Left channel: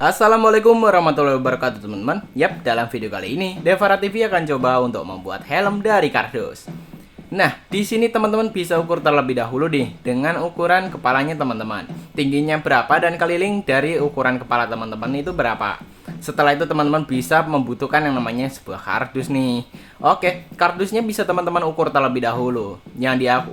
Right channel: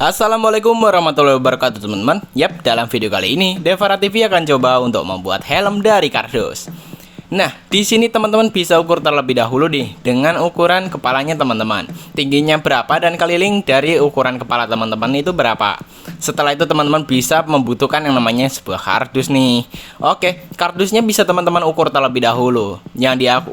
Assalamualaikum warahmatullahi wabarakatuh teman-teman. Yap, dalam video kali ini Devara TV akan coba untuk membuat helm dari kardus. Nah, di sini teman-teman bisa ukur terlebih dahulu nih dengan ukuran kepalanya teman-teman. Tingginya berapa dan keliling dari ukuran kepala teman-teman itu berapa. Setelah itu teman-teman bisa membutuhkan yang namanya sebuah kardus nih. Oke, kardusnya bisa teman-teman ukur terlebih dahulu. Yang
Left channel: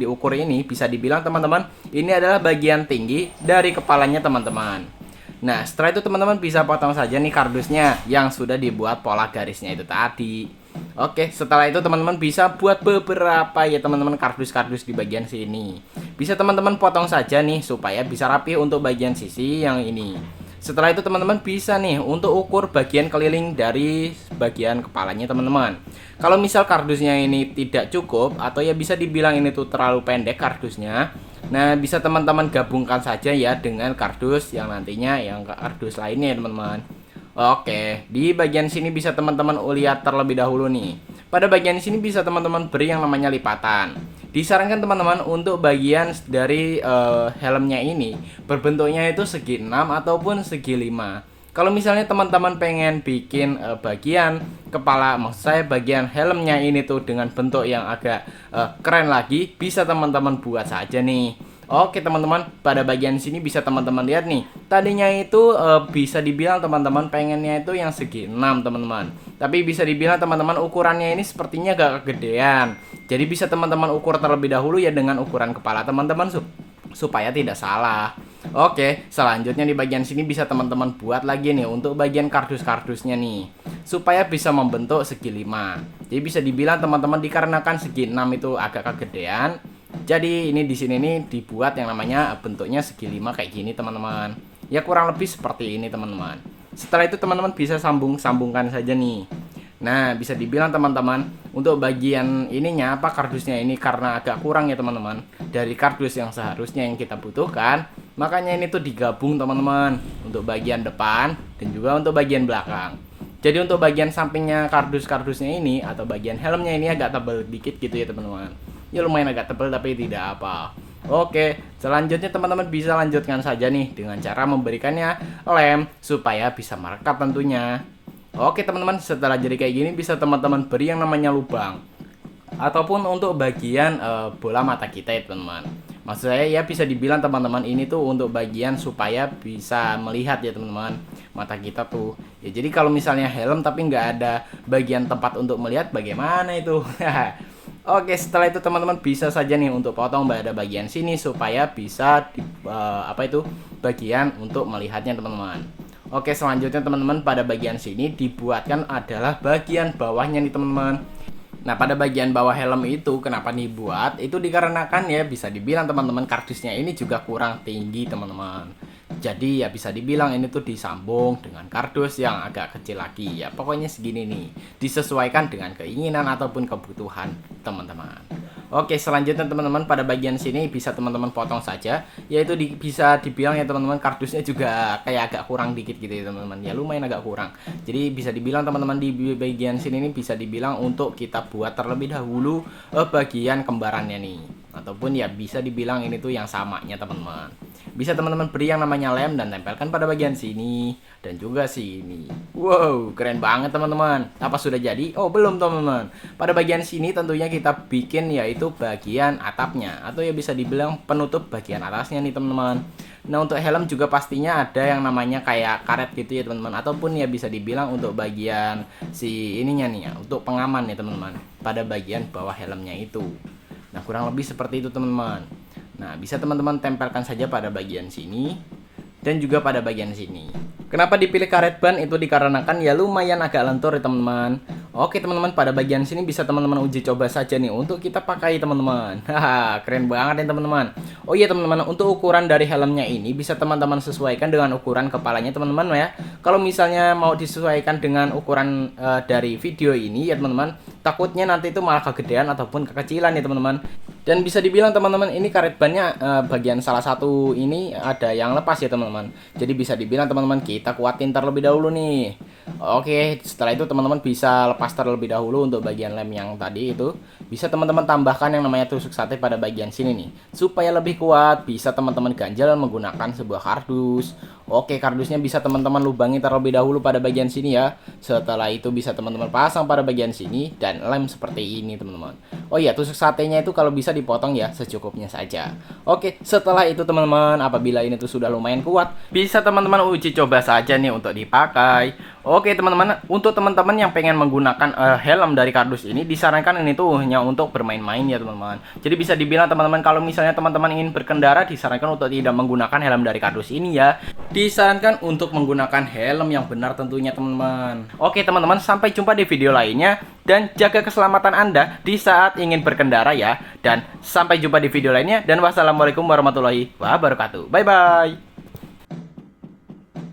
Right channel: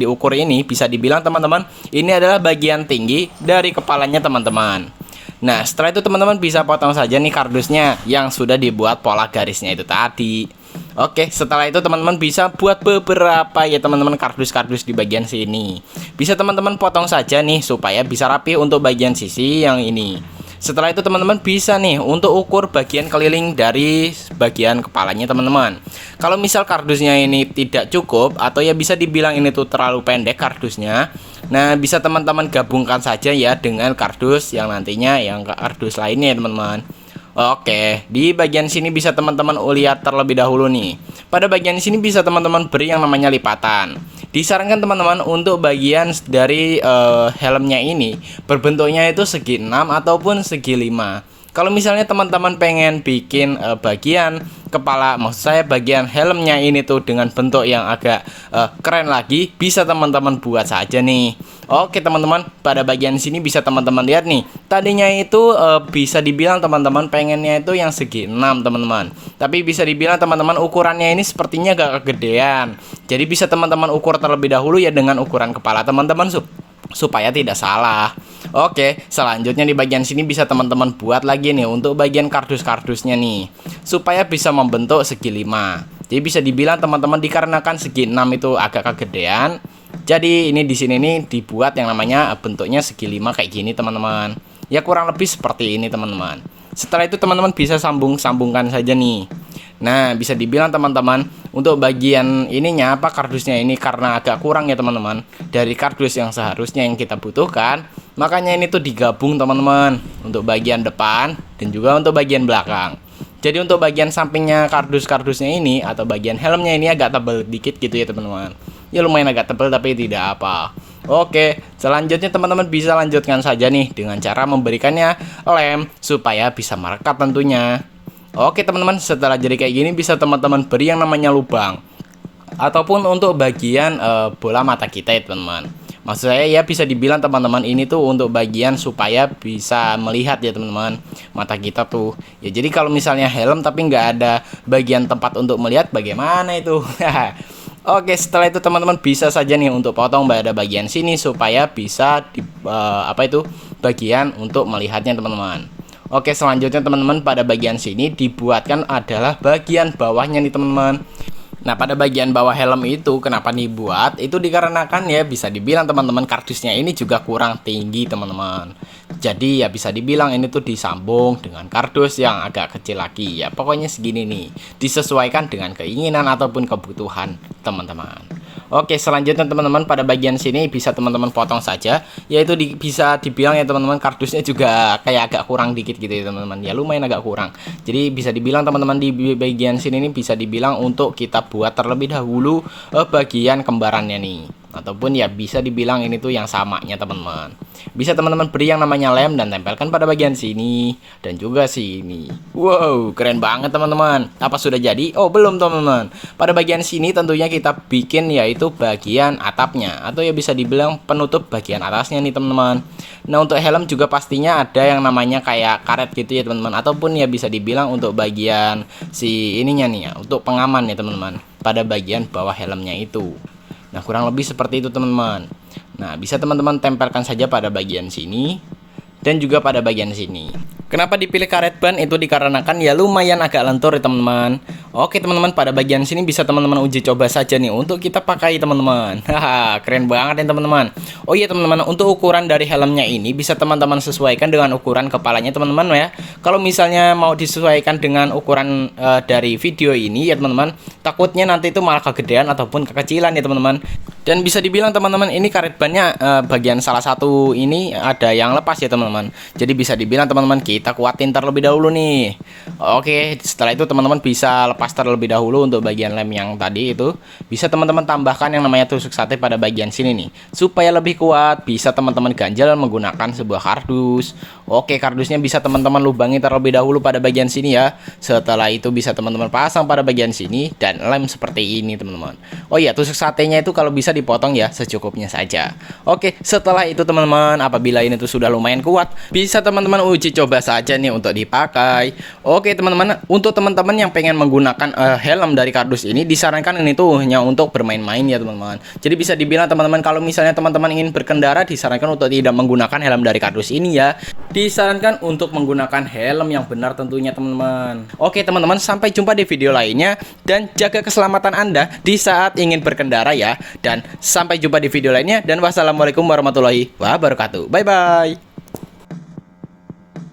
diukur ini bisa dibilang teman-teman ini adalah bagian tinggi dari kepalanya teman-teman. Nah, setelah itu teman-teman bisa potong saja nih kardusnya yang sudah dibuat pola garisnya itu tadi. Oke, setelah itu teman-teman bisa buat beberapa ya teman-teman kardus-kardus di bagian sini. Bisa teman-teman potong saja nih supaya bisa rapi untuk bagian sisi yang ini. Setelah itu teman-teman bisa nih untuk ukur bagian keliling dari bagian kepalanya teman-teman. Kalau misal kardusnya ini tidak cukup atau ya bisa dibilang ini tuh terlalu pendek kardusnya, nah bisa teman-teman gabungkan saja ya dengan kardus yang nantinya yang kardus lainnya ya teman-teman. Oke, di bagian sini bisa teman-teman lihat terlebih dahulu nih. Pada bagian sini bisa teman-teman beri yang namanya lipatan. Disarankan teman-teman untuk bagian dari helmnya ini berbentuknya itu segi 6 ataupun segi 5. Kalau misalnya teman-teman pengen bikin bagian kepala, maksud saya bagian helmnya ini tuh dengan bentuk yang agak keren lagi, bisa teman-teman buat saja nih. Oke teman-teman, pada bagian sini bisa teman-teman lihat nih. Tadinya itu bisa dibilang teman-teman pengennya itu yang segi 6 teman-teman. Tapi bisa dibilang teman-teman ukurannya ini sepertinya agak kegedean. Jadi bisa teman-teman ukur terlebih dahulu ya dengan ukuran kepala teman-teman supaya tidak salah. Oke, selanjutnya di bagian sini bisa teman-teman buat lagi nih untuk bagian kardus-kardusnya nih supaya bisa membentuk segi 5. Jadi bisa dibilang teman-teman dikarenakan segi 6 itu agak kegedean. Jadi ini di sini nih dibuat yang namanya bentuknya segi 5 kayak gini teman-teman. Ya kurang lebih seperti ini teman-teman. Setelah itu teman-teman bisa sambungkan saja nih. Nah, bisa dibilang teman-teman untuk bagian ininya apa kardusnya ini karena agak kurang ya teman-teman dari kardus yang seharusnya yang kita butuhkan. Makanya ini tuh digabung teman-teman untuk bagian depan dan juga untuk bagian belakang. Jadi untuk bagian sampingnya kardus-kardusnya ini atau bagian helmnya ini agak tebal dikit gitu ya teman-teman. Ya lumayan agak tebal tapi tidak apa. Oke, selanjutnya teman-teman bisa lanjutkan saja nih dengan cara memberikannya lem supaya bisa merekat tentunya. Oke teman-teman, setelah jadi kayak gini bisa teman-teman beri yang namanya lubang ataupun untuk bagian bola mata kita ya teman-teman. Maksud saya ya bisa dibilang teman-teman ini tuh untuk bagian supaya bisa melihat ya teman-teman mata kita tuh. Ya jadi kalau misalnya helm tapi nggak ada bagian tempat untuk melihat bagaimana itu. Oke, setelah itu teman-teman bisa saja nih untuk potong pada bagian sini supaya bisa bagian untuk melihatnya teman-teman. Oke, selanjutnya teman-teman pada bagian sini dibuatkan adalah bagian bawahnya nih teman-teman. Nah, pada bagian bawah helm itu kenapa dibuat? Itu dikarenakan ya bisa dibilang teman-teman kardusnya ini juga kurang tinggi teman-teman. Jadi ya bisa dibilang ini tuh disambung dengan kardus yang agak kecil lagi. Ya pokoknya segini nih. Disesuaikan dengan keinginan ataupun kebutuhan teman-teman. Oke, selanjutnya teman-teman pada bagian sini bisa teman-teman potong saja. Yaitu bisa dibilang ya teman-teman kardusnya juga kayak agak kurang dikit gitu ya teman-teman. Ya lumayan agak kurang. Jadi bisa dibilang teman-teman di bagian sini ini bisa dibilang untuk kita buat terlebih dahulu bagian kembarannya nih. Ataupun ya bisa dibilang ini tuh yang samanya teman-teman. Bisa teman-teman beri yang namanya lem dan tempelkan pada bagian sini dan juga sini. Wow, keren banget teman-teman. Apa sudah jadi? Oh, belum teman-teman. Pada bagian sini tentunya kita bikin yaitu bagian atapnya atau ya bisa dibilang penutup bagian atasnya nih teman-teman. Nah, untuk helm juga pastinya ada yang namanya kayak karet gitu ya teman-teman ataupun ya bisa dibilang untuk bagian si ininya nih ya, untuk pengaman ya teman-teman pada bagian bawah helmnya itu. Nah, kurang lebih seperti itu teman-teman. Nah, bisa teman-teman tempelkan saja pada bagian sini dan juga pada bagian sini. Kenapa dipilih karet ban? Itu dikarenakan ya lumayan agak lentur ya teman-teman. Oke teman-teman, pada bagian sini bisa teman-teman uji coba saja nih untuk kita pakai teman-teman. Haha, keren banget ya teman-teman. Oh iya teman-teman, untuk ukuran dari helmnya ini bisa teman-teman sesuaikan dengan ukuran kepalanya teman-teman ya. Kalau misalnya mau disesuaikan dengan ukuran dari video ini ya teman-teman, takutnya nanti itu malah kegedean ataupun kekecilan ya teman-teman. Dan bisa dibilang teman-teman ini karet bannya bagian salah satu ini ada yang lepas ya teman-teman. Jadi bisa dibilang teman-teman kita kuatin terlebih dahulu nih. Oke, setelah itu teman-teman bisa lepas lepas terlebih dahulu untuk bagian lem yang tadi itu, bisa teman-teman tambahkan yang namanya tusuk sate pada bagian sini nih. Supaya lebih kuat, bisa teman-teman ganjel menggunakan sebuah kardus. Oke, kardusnya bisa teman-teman lubangi terlebih dahulu pada bagian sini ya. Setelah itu bisa teman-teman pasang pada bagian sini dan lem seperti ini teman-teman. Oh iya, tusuk satenya itu kalau bisa dipotong ya secukupnya saja. Oke, setelah itu teman-teman, apabila ini tuh sudah lumayan kuat, bisa teman-teman uji coba saja nih untuk dipakai. Oke teman-teman, untuk teman-teman yang pengen menggunakan helm dari kardus ini, disarankan ini tuh hanya untuk bermain-main ya teman-teman. Jadi bisa dibilang teman-teman, kalau misalnya teman-teman ingin berkendara, disarankan untuk tidak menggunakan helm dari kardus ini ya. Disarankan untuk menggunakan helm yang benar tentunya teman-teman. Oke teman-teman, sampai jumpa di video lainnya, dan jaga keselamatan Anda di saat ingin berkendara ya. Dan sampai jumpa di video lainnya, dan wassalamualaikum warahmatullahi wabarakatuh. Bye bye.